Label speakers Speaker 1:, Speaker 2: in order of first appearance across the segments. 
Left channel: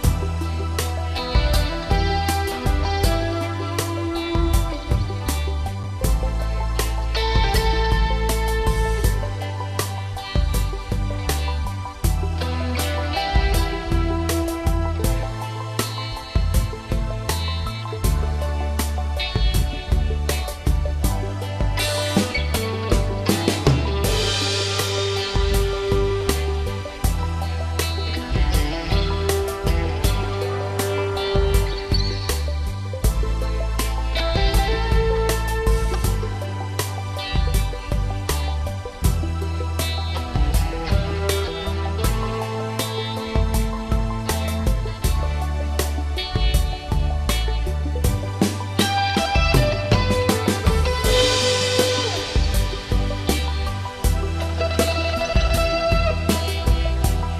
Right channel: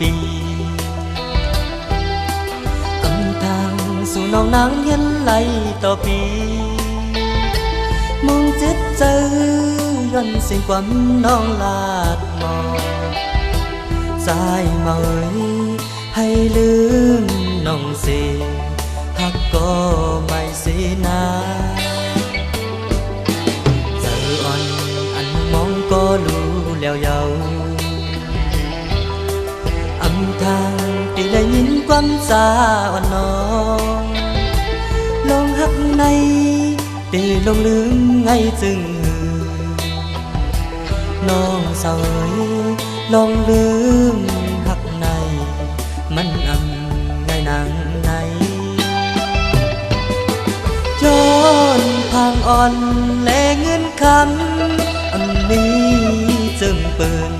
Speaker 1: เก่าแสนปีต้นทางสู่น้องนางเย็นไหลต่อปีมองเจ็ดเจอย้อนสิ่งคว สาอ่อนน้องลองหักในตีลงลืมไงจึงน้องเสยลองลืมหักใน มันอำในนางในย้อนทางอ่อนและเงินคำอันนี้จึงเปิน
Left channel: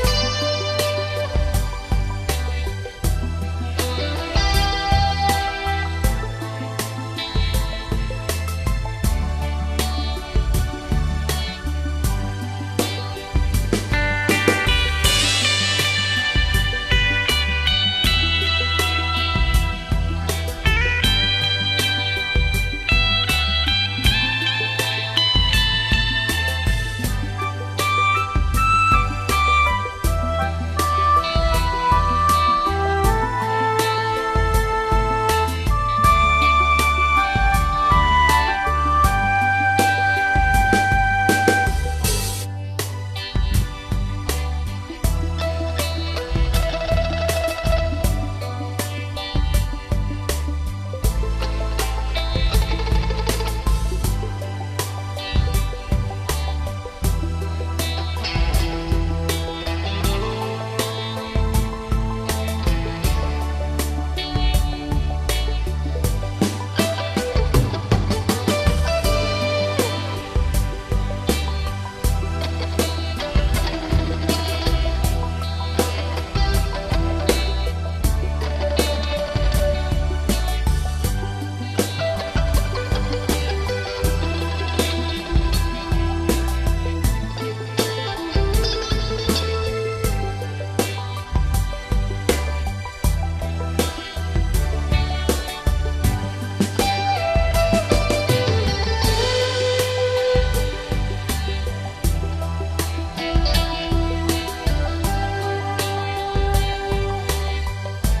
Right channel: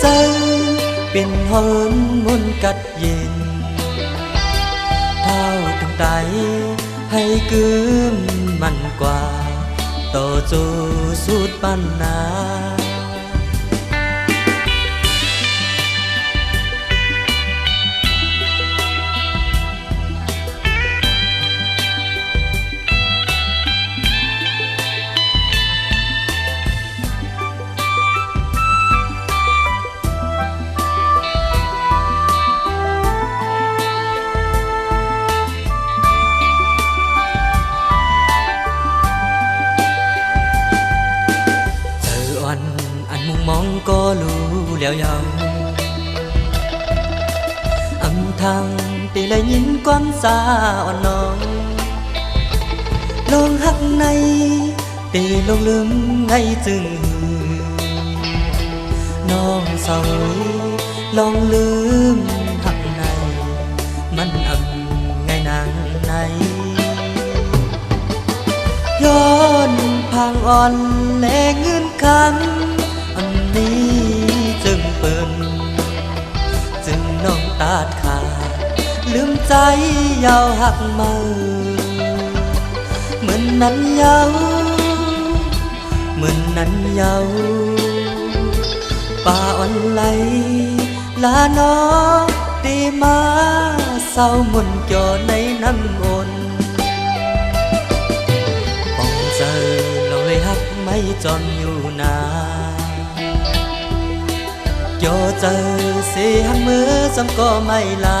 Speaker 1: เสือใจเป็นหนมุนกัดเย็นเท่าถึงไตให้กืมมันกว่า ต่อจูสุดปันนา ก็รู้แล้วยังอำทางตีเลยยินก้อนสาอ่อนน้องลองหักในตีลงลืมไงจึงน้องเศร้าลองลืมหักในมันอำไงนางในย้อนพังอ่อนแลเงินคำ ลืมใจยาวหักมาเหมือนนั้นยาวเหมือนนั้นยาวป่าอ่อนไหลลาน้องดีมาเศร้าหมุนจอในน้ำอนปองเจอเราเลยฮักไม่จอมอยู่นาโยเจอเสียมือจำก็ไม่ลา